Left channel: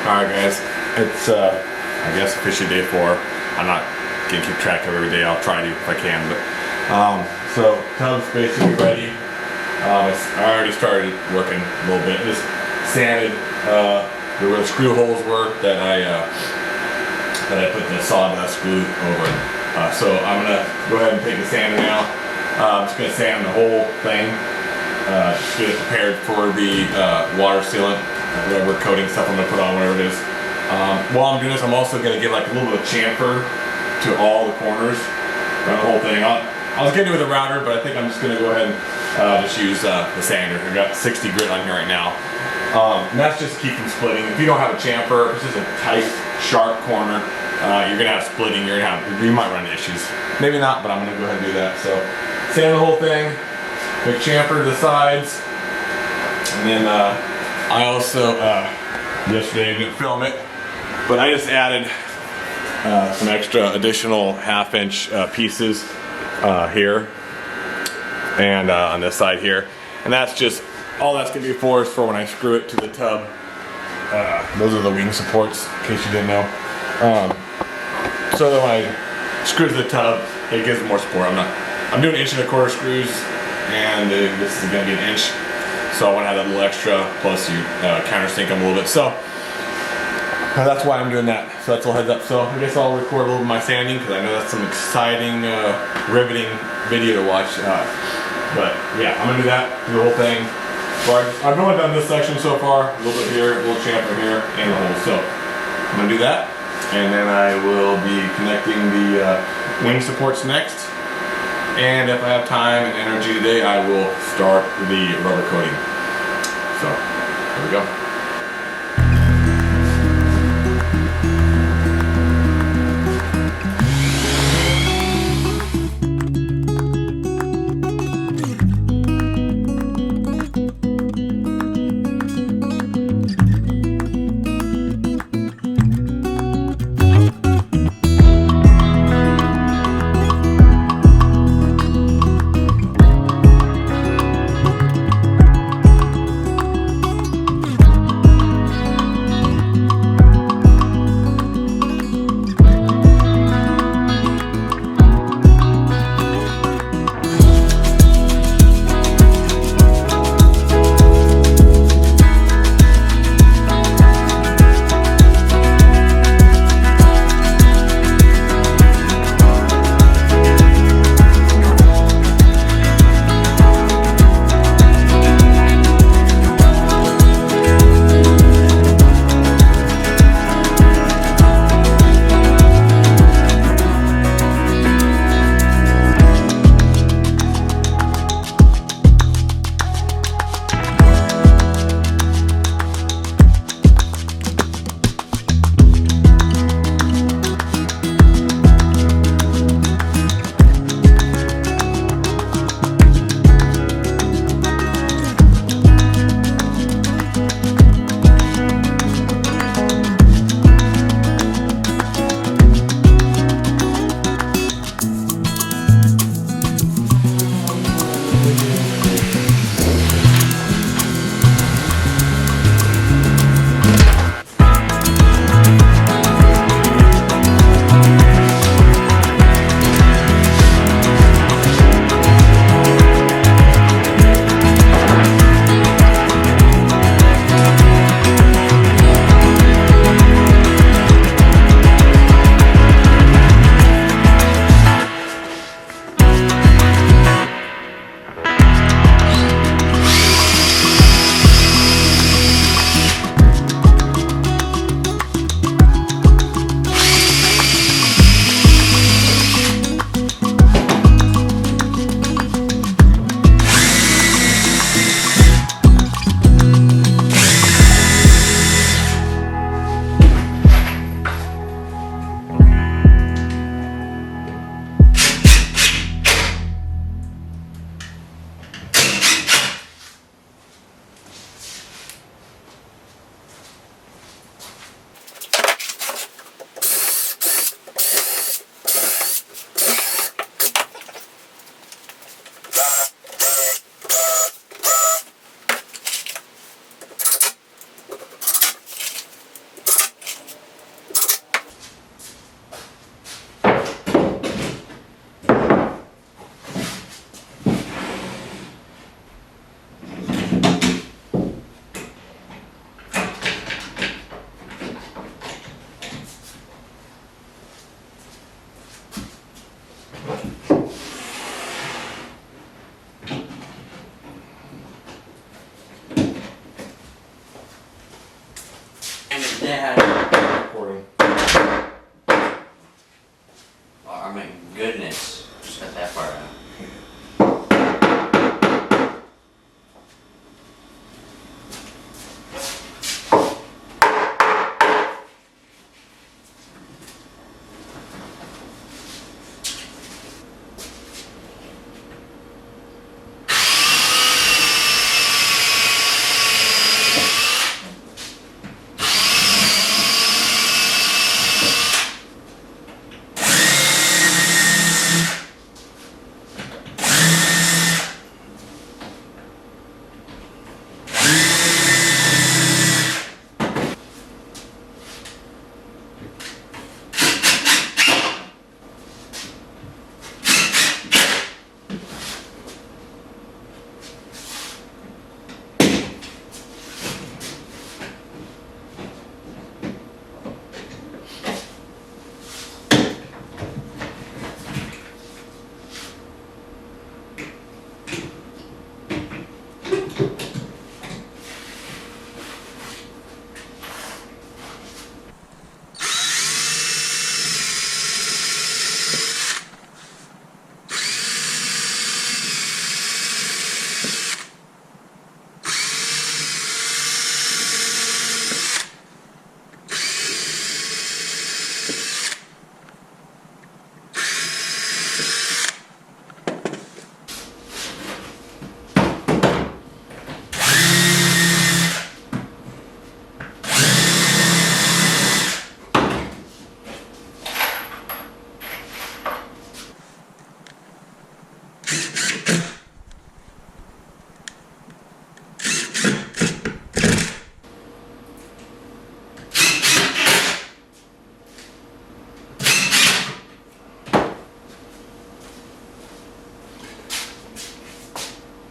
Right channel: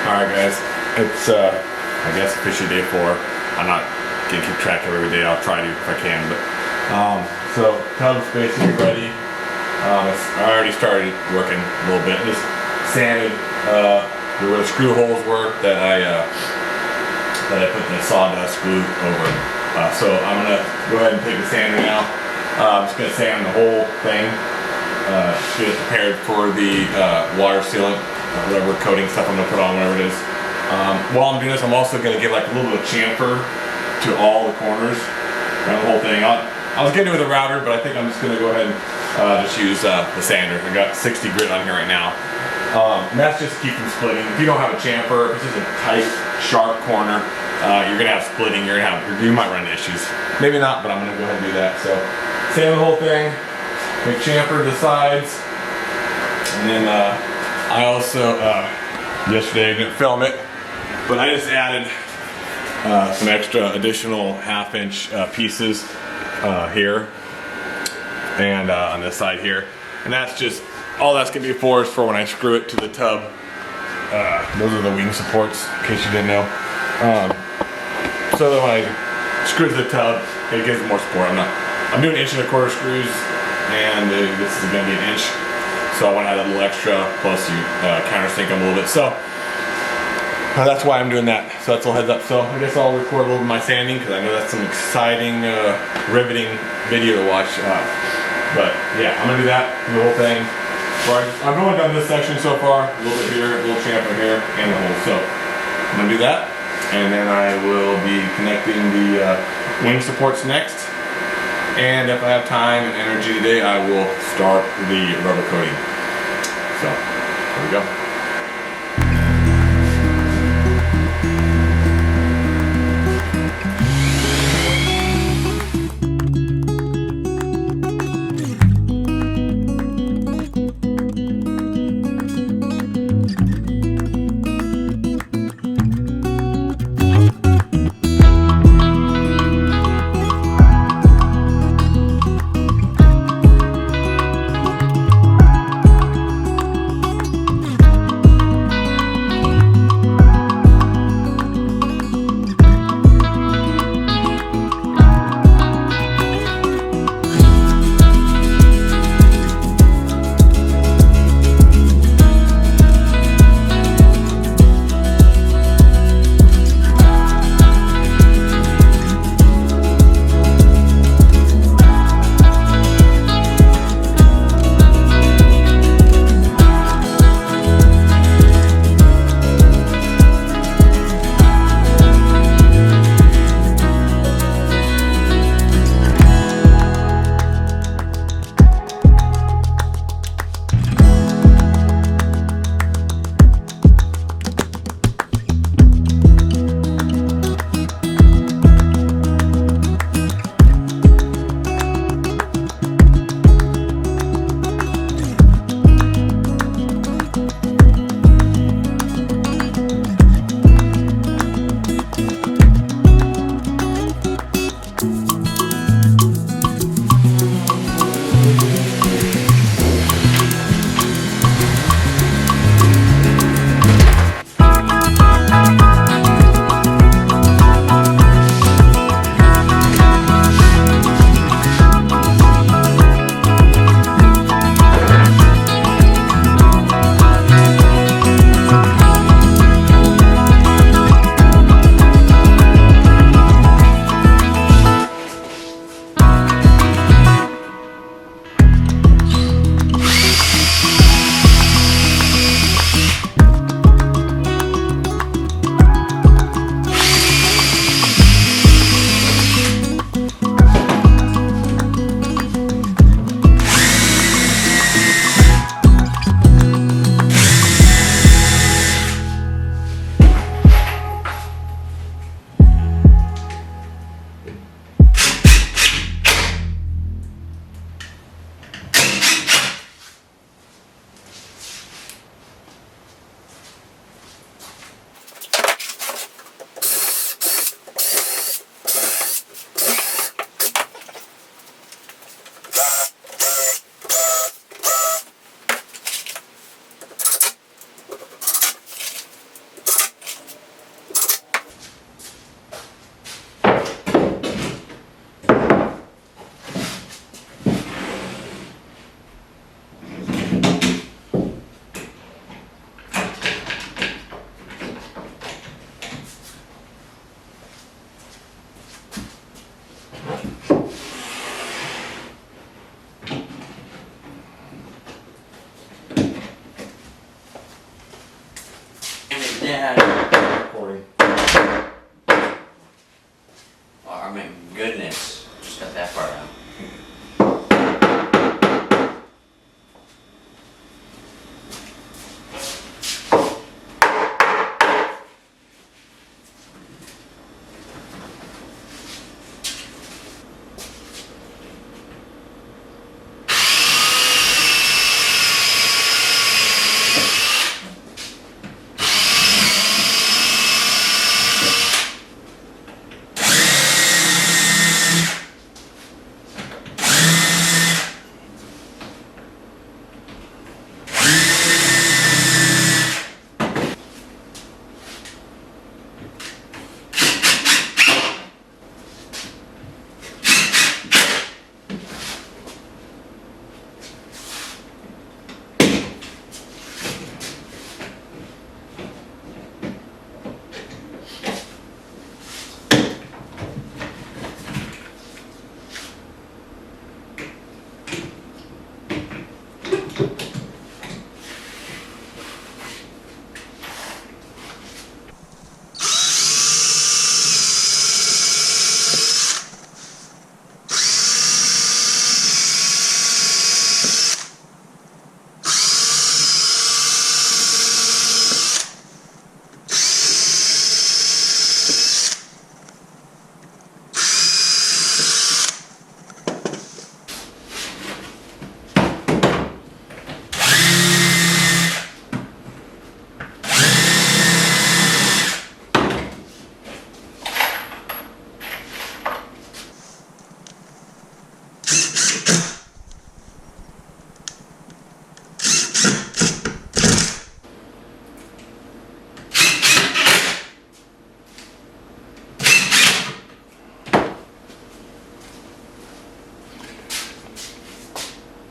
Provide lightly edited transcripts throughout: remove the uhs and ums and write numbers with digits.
Alright guys, it's I guess officially day 4. I'm not gonna keep track of every day, I'll try to if I can, but so tub's basically ready. I already started working a little bit. Just sanded where the screw holes were that I put the sawdust glue over. So I'm gonna go ahead and take the sander now. I'm just gonna sand the whole thing. Just get it prepared for the water sealant, rubber coating stuff I'm gonna put on, whatever it is. While I'm doing this, I'm also gonna give like a little bit of chamfer to all the corners around the whole thing. I was gonna do it with a router, but I think I'm just gonna go ahead and just use the sander. I've got 60 grit on here right now. And that's just to keep from splitting. If you don't have a chamfer, if it's just a tight, sharp corner, you're gonna have splitting. You might run into issues. Maybe not, but I'm gonna go ahead and do that. So sand the whole thing. Make chamfer to the sides, and then I also yesterday I didn't film it, but I just added some extra additional 1/2 inch pieces here and on this side here, and that's just all that's gonna be for is for when I screw it to the tub. Those are the wing supports, in case you didn't know. So that when I screw to the tub, it gives it more support. I'm doing 1.25" screws. And this is going to be 1 inch, so I want to have that little extra, plus you countersink them a little bit, so that's why I'm doing that. So that's a little heads up. So I guess I'll record a little of my sanding, because I know that's some exciting, riveting video to watch, but yeah, I'm going to do that, do the whole thing. I've only done this section so far, a little bit here, a little chamfer here, and the hole, so I'm going to do that, and then I will be connecting the wing supports next. And if I have time and energy today, I will start the rubber coating. So, here we go. Yeah. Recording. Oh, I mean, goodness. Just got that far out.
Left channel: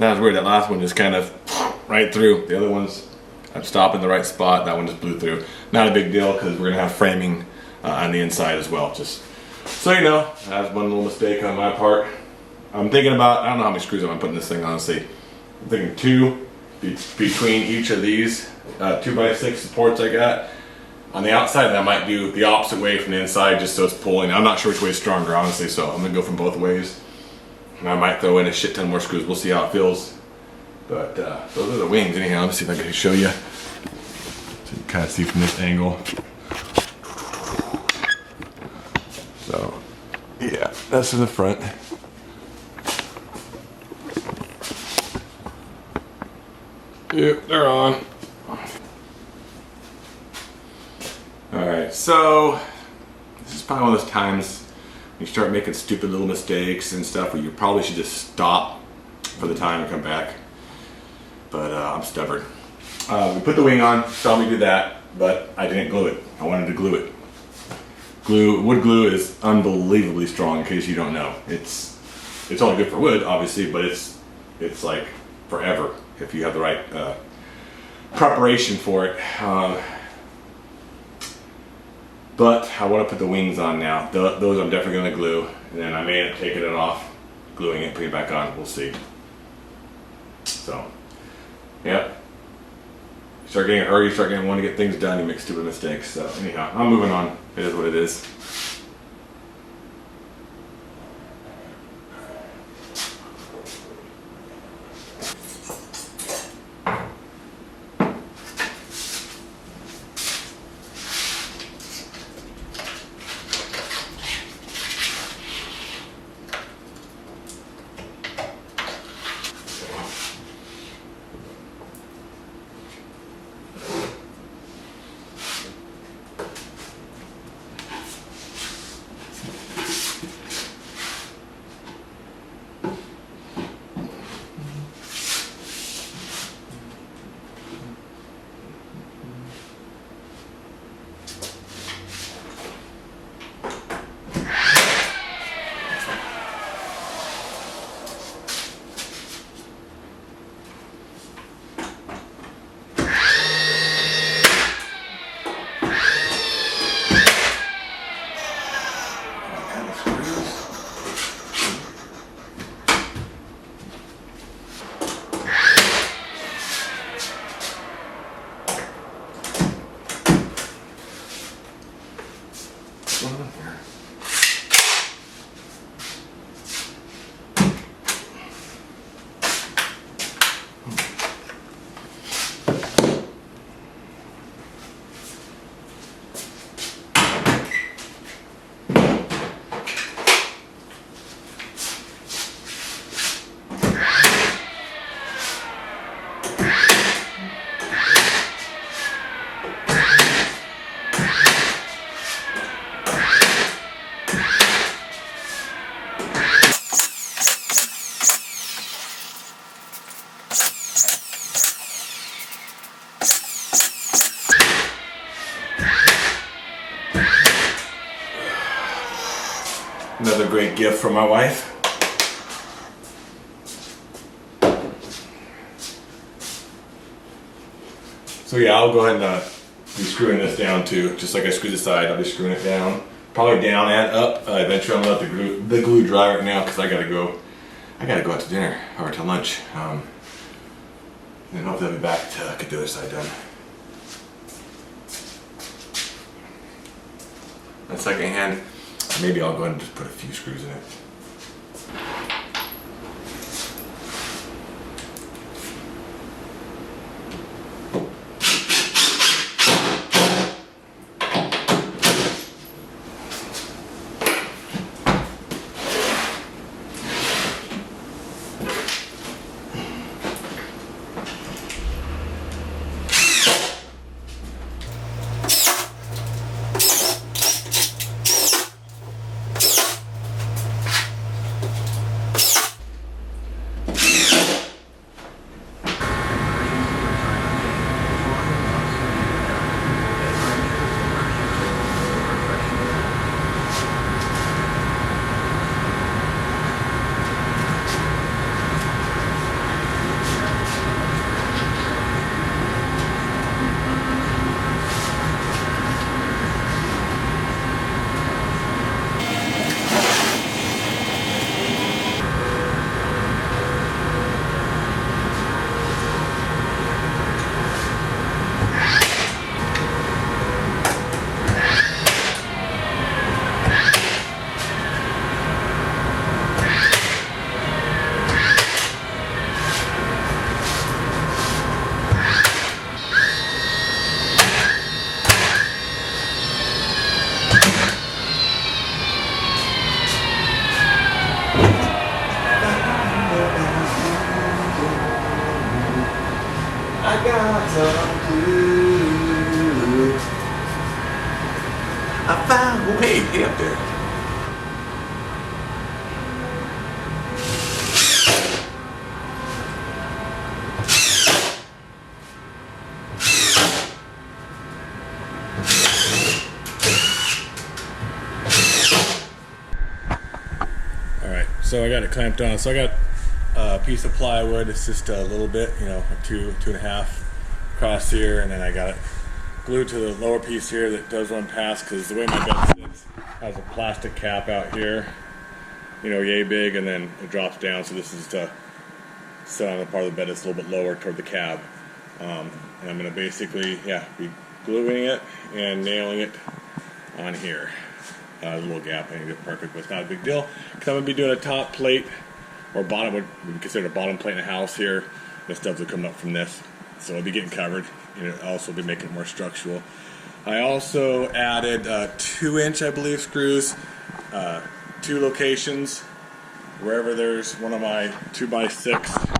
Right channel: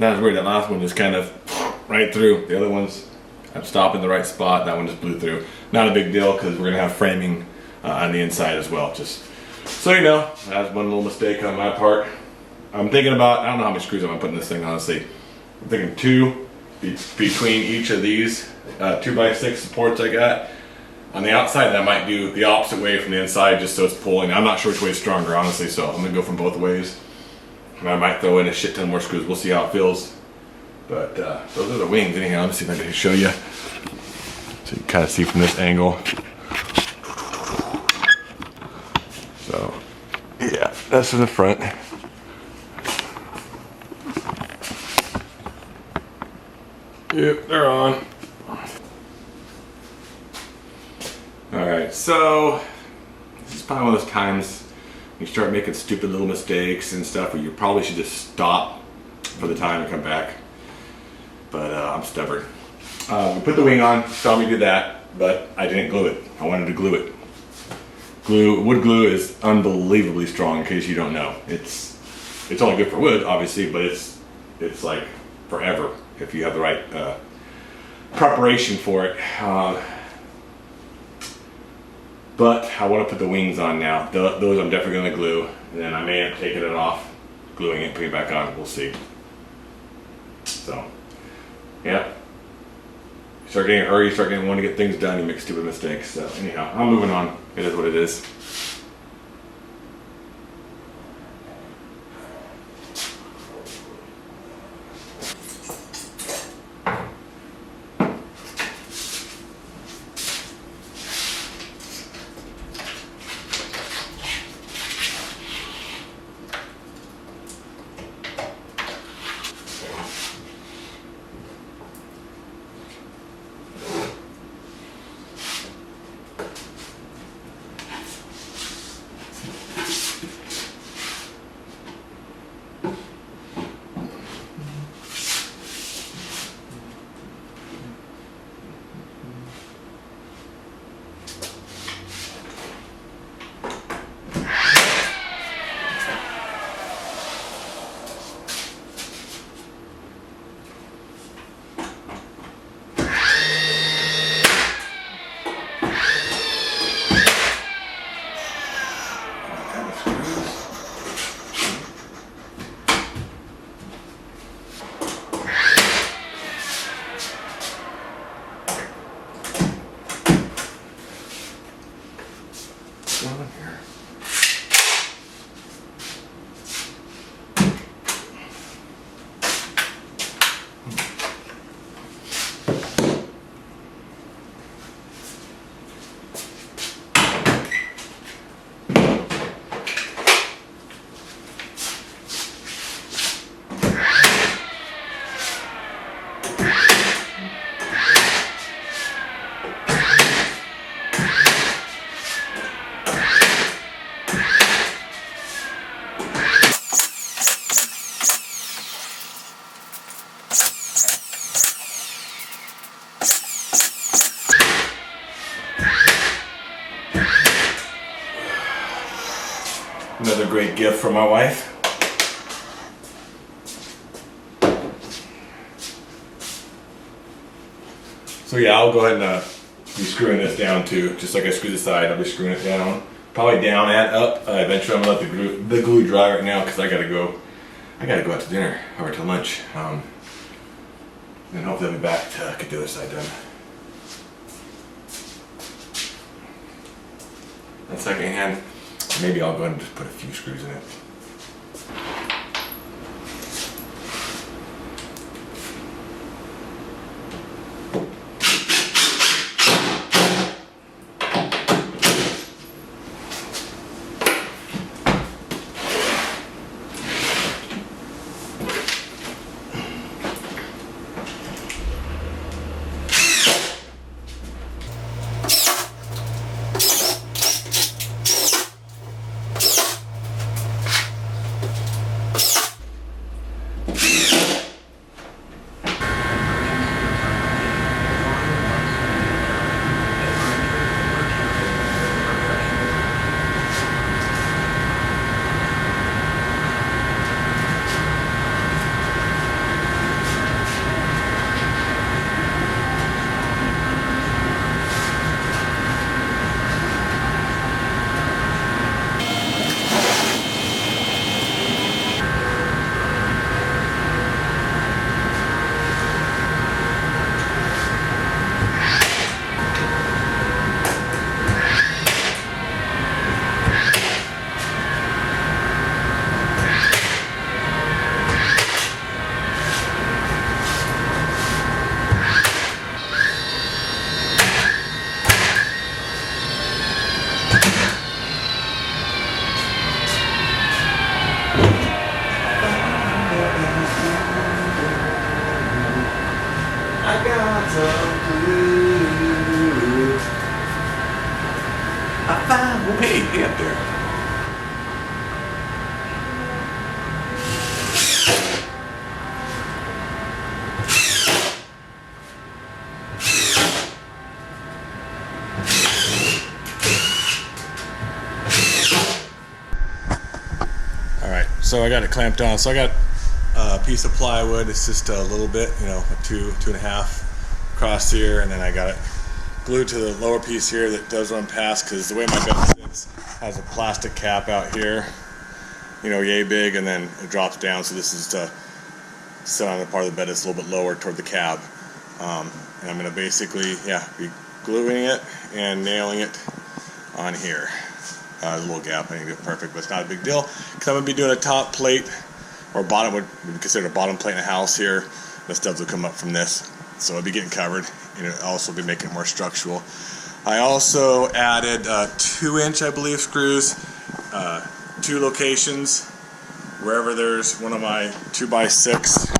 That was weird. That last one just kind of right through. The other ones, I'm stopping the right spot. That one just blew through. Not a big deal because we're gonna have framing on the inside as well. Just so you know, that's one little mistake on my part. I'm thinking about, I don't know how many screws I'm gonna put in this thing, honestly. I'm thinking 2 between each of these 2x6 supports I got. On the outside, I might do the opposite way from the inside just so it's pulling. I'm not sure which way is stronger, honestly, so I'm gonna go from both ways. And I might throw in a shit ton more screws. We'll see how it feels. But those are the wings anyhow. Let me see if I can show you. So you can kind of see from this angle. So, yeah, that's in the front. Yep, they're on. Alright, so this is probably one of those times you start making stupid little mistakes and stuff where you probably should just stop for the time and come back. But I'm stubborn. We put the wing on, saw me do that, but I didn't glue it. I wanted to glue it. Wood glue is unbelievably strong, in case you don't know. It's only good for wood, obviously, but it's like forever if you have the right preparation for it. But I want to put the wings on now. Those I'm definitely going to glue. And then I may end up taking it off, gluing it, putting it back on. We'll see. So, yeah. You start getting in a hurry, you start wanting to get things done, you make stupid mistakes. So anyhow, I'm moving on. It is what it is. going on here? Another great gift from my wife. So yeah, I'll go ahead and be screwing this down too. Just like I screwed the side, I'll be screwing it down. Probably down and up. Eventually I'm gonna let the glue dry right now because I gotta go out to dinner or to lunch. And hopefully I'll be back to get the other side done. And second hand, maybe I'll go ahead and just put a few screws in it. I found, oh hey up there. All right, so I got it clamped down. So I got a piece of plywood. It's just a little bit, you know, a two and a half across here, and then I got it glued to the lower piece here that does run past, because the way my bed sits has a plastic cap out here, you know, yay big, and then it drops down. So this is to sit on the part of the bed that's a little bit lower toward the cab. And I'm going to basically, be gluing it and nailing it on here. A little gap, I think it's perfect, but it's not a big deal, because I'm going to be doing a top plate, or bottom, would be considered a bottom plate in a house here. The studs will come up from this, so it'll be getting covered, and it'll also be making it more structural. I also added 2-inch, I believe, screws, 2 locations, wherever there's one of my 2x6,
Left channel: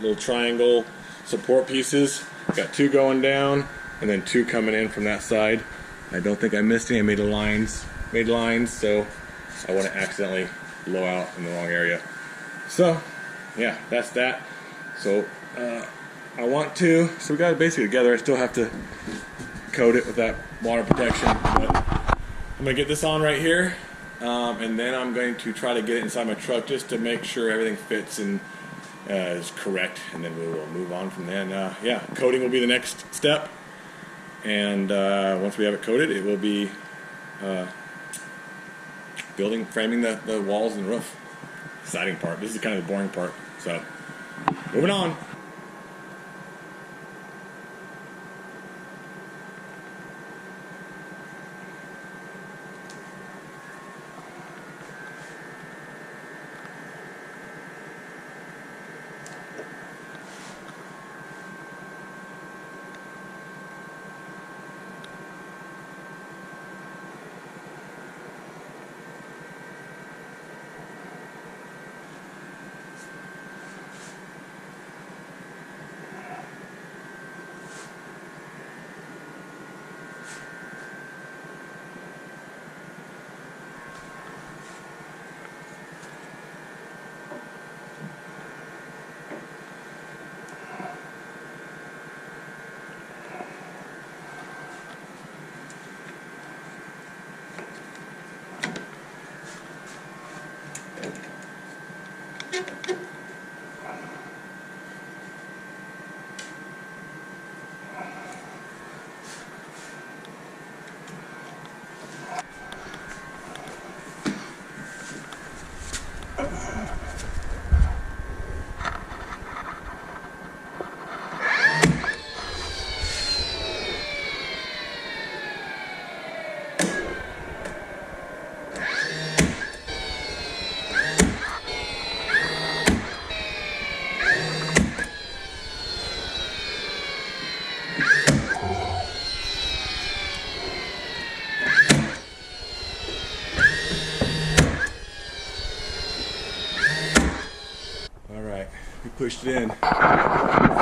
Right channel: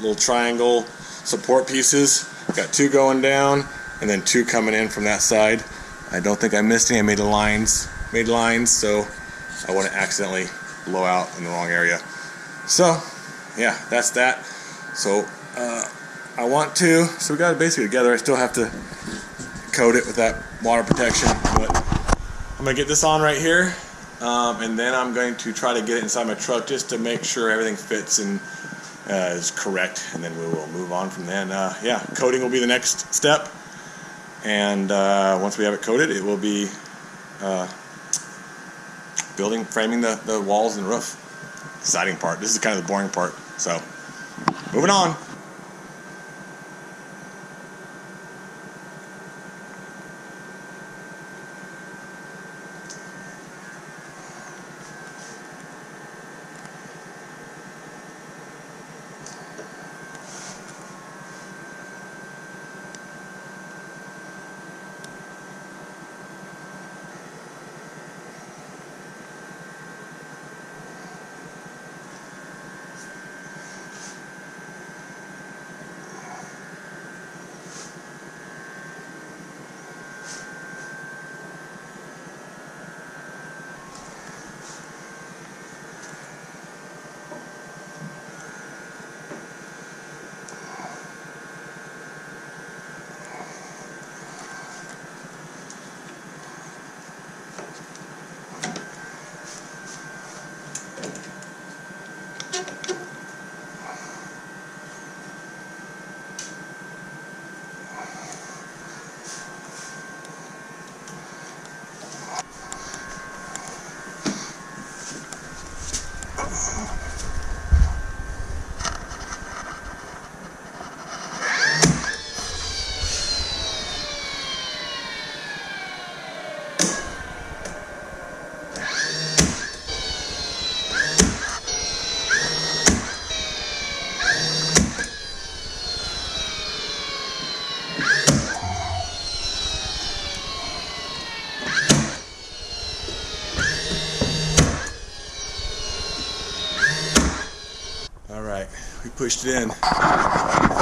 little triangle support pieces. Got 2 going down, and then 2 coming in from that side. I don't think I missed any. I made lines, so I wouldn't accidentally blow out in the wrong area. So, yeah, that's that. So, so we got it basically together. I still have to coat it with that water protection, but I'm gonna get this on right here, and then I'm going to try to get it inside my truck just to make sure everything fits and is correct, and then we will move on from then. Coating will be the next step, and once we have it coated, it will be framing the walls and roof. Exciting part. This is kind of the boring part. So, moving on. pushed it in.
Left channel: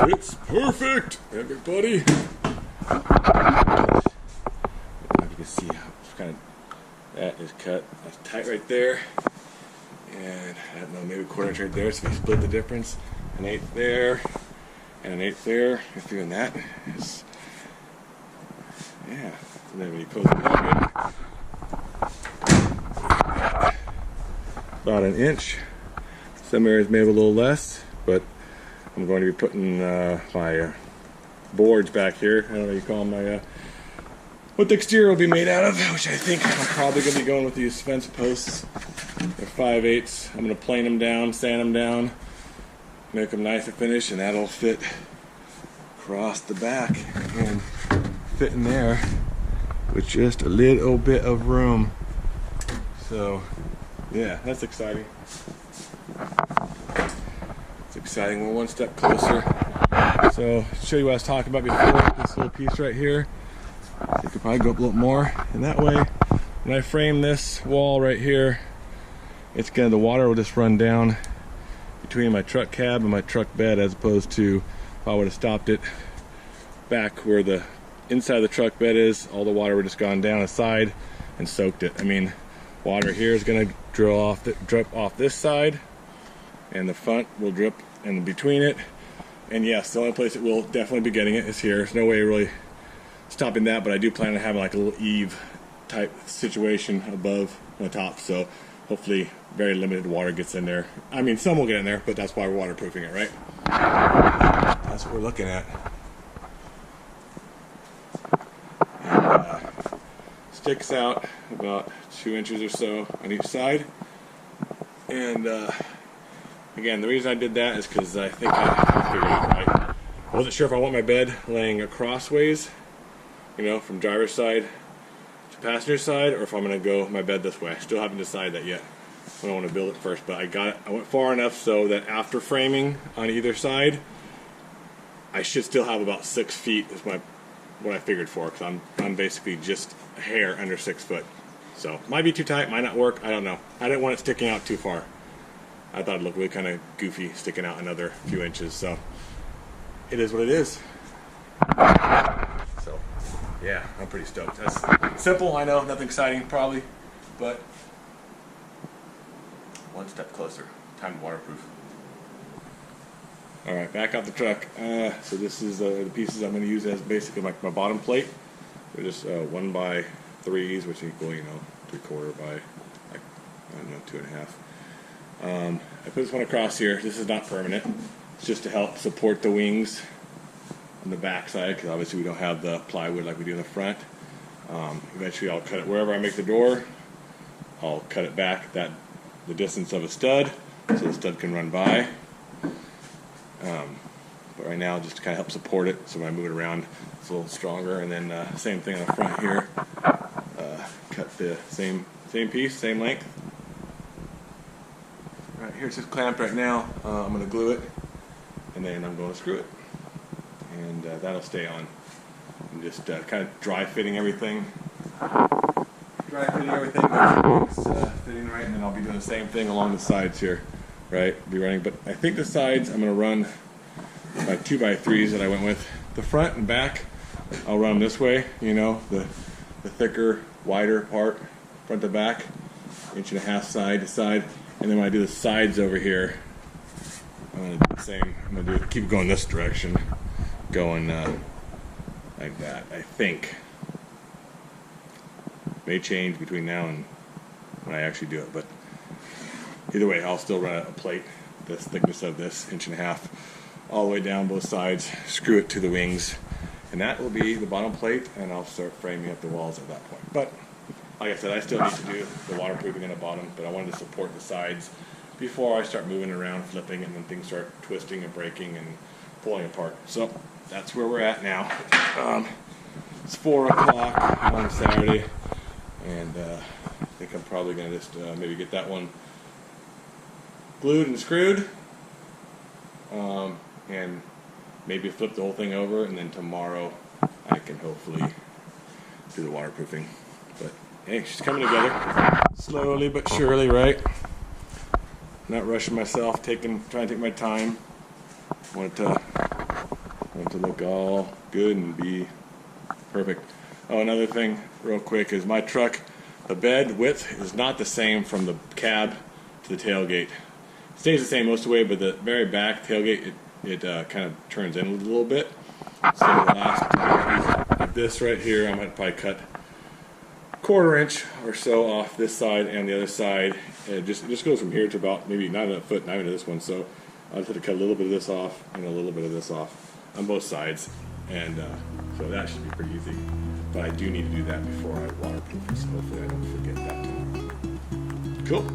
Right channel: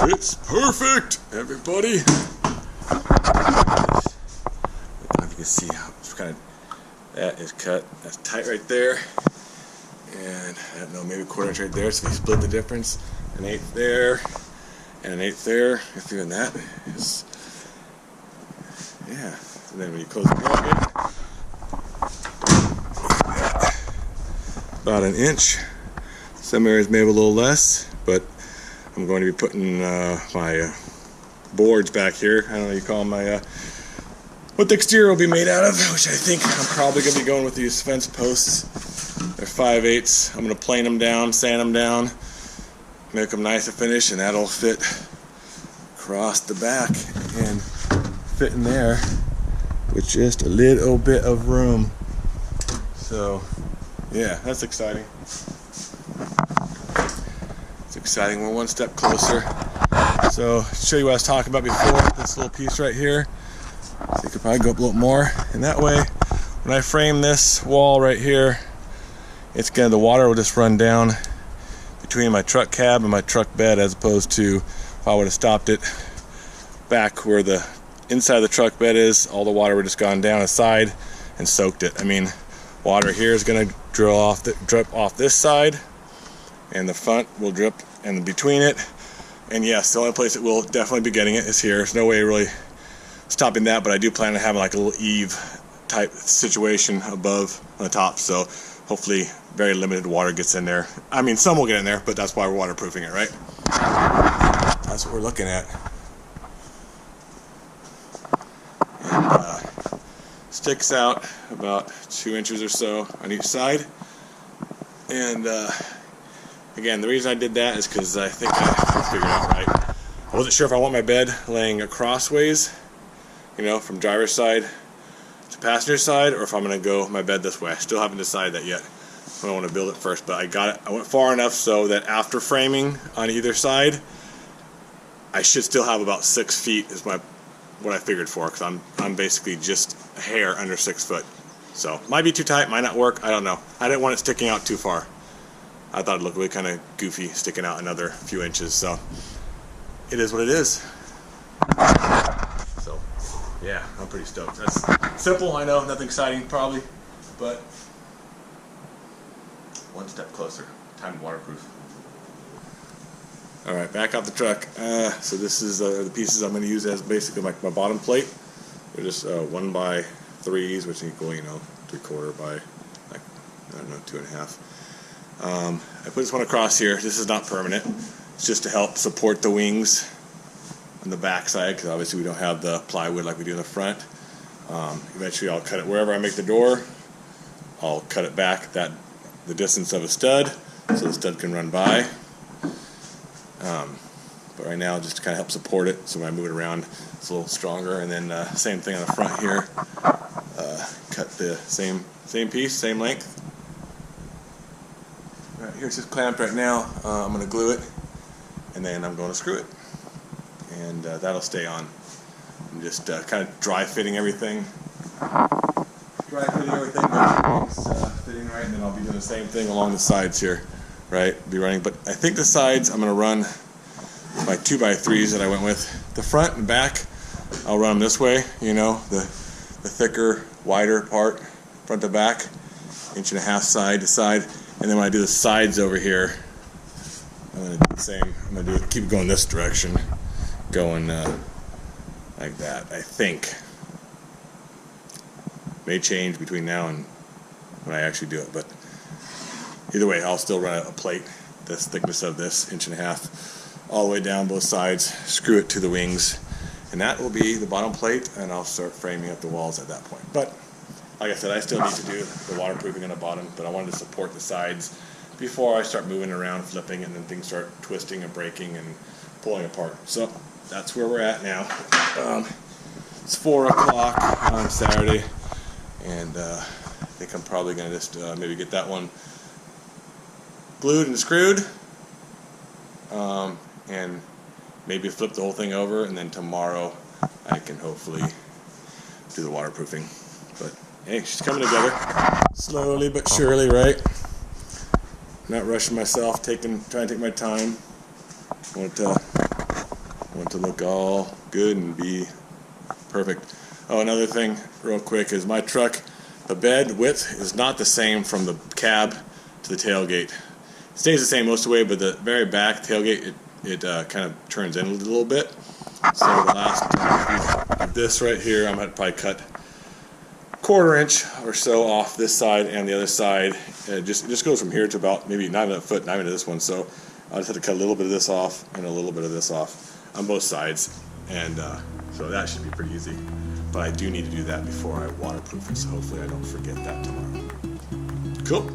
It's perfect, everybody. I don't know if you can see how it's kind of, that is cut. That's tight right there. And I don't know, maybe a quarter inch right there. So we split the difference, 1/8 there and 1/8 there. If you're doing that, it's, yeah. And then when you close it open, about 1 inch. Some areas may have a little less, but I'm going to be putting my boards back here. I don't know what you call them, my what the exterior will be made out of, which I think I'm probably going to be going with these fence posts. They're 5/8. I'm going to plane them down, sand them down, make them nice to finish, and that'll fit across the back and fit in there with just a little bit of room. So yeah, that's exciting. It's exciting. We're one step closer. So to show you what I was talking about before, this little piece right here. So you could probably go up a little more, and that way when I frame this wall right here, it's gonna, the water will just run down between my truck cab and my truck bed, as opposed to if I would have stopped it back where the inside of the truck bed is, all the water would have just gone down the side and soaked it. I mean, water here is gonna drip off this side, and the front will drip in between it. And yes, the only place it will definitely be getting it is here. There's no way really stopping that, but I do plan on having like a little eave type situation above on the top, so hopefully very limited water gets in there. I mean, some will get in there, but that's why we're waterproofing it, right? That's what we're looking at. And sticks out about 2 inches or so on each side. And again, the reason I did that is because I think I figured it out right. I wasn't sure if I want my bed laying crossways, you know, from driver's side to passenger side, or if I'm going to go my bed this way. I still haven't decided that yet. I don't want to build it first, but I got it. I went far enough so that after framing on either side, I should still have about 6 feet is what I figured for, because I'm basically just a hair under 6 foot. So might be too tight, might not work. I don't know. I didn't want it sticking out too far. I thought it'd look really kind of goofy sticking out another few inches. So it is what it is. So yeah, I'm pretty stoked. That's simple, I know, nothing exciting probably, but one step closer. Time to waterproof. All right, back off the truck. So this is the pieces I'm going to use as basically my bottom plate. They're just 1x3s, which equal, you know, 3/4 by, like, I don't know, 2.5. I put this one across here. This is not permanent. It's just to help support the wings on the back side, because obviously we don't have the plywood like we do in the front. Eventually I'll cut it wherever I make the door. I'll cut it back the distance of a stud, so the stud can run by. But right now, just to kind of help support it, so when I move it around, it's a little stronger. And then same thing on the front here. Cut the same piece, same length. Right here, it's just clamped right now. I'm going to glue it, and then I'm going to screw it, and that'll stay on. I'm just kind of dry fitting everything. Make sure it's fitting right, and then I'll be doing the same thing along the sides here, right? Be running, but I think the sides I'm going to run my 2x3s that I went with. The front and back, I'll run them this way, you know, the thicker, wider part, front to back, 1.5 inches side to side. And then when I do the sides over here, I'm going to do the same. I'm going to keep going this direction, going like that, I think. May change between now and when I actually do it, but either way, I'll still run a plate, this thickness of this, 1.5 inches, all the way down both sides, screw it to the wings, and that will be the bottom plate, and I'll start framing up the walls at that point. But like I said, I still need to do the waterproofing on the bottom, but I wanted to support the sides before I start moving around, flipping, and then things start twisting and breaking and pulling apart. So that's where we're at now. It's 4 o'clock on Saturday, and I think I'm probably going to just maybe get that one glued and screwed, and maybe flip the whole thing over, and then tomorrow I can hopefully do the waterproofing. But hey, she's coming together slowly but surely, right? Not rushing myself, trying to take my time. Want it to look all good and be perfect. Oh, another thing real quick is my truck, the bed width is not the same from the cab to the tailgate. It stays the same most of the way, but the very back tailgate, it kind of turns in a little bit. So the last piece of this right here, I'm going to probably cut 1/4 inch or so off this side and the other side. It just goes from here to about maybe not a foot, not even to this one. So I'll just have to cut a little bit of this off and a little bit of this off on both sides. And so that should be pretty easy. But I do need to do that before I waterproof it, so hopefully I don't forget that tomorrow. Cool.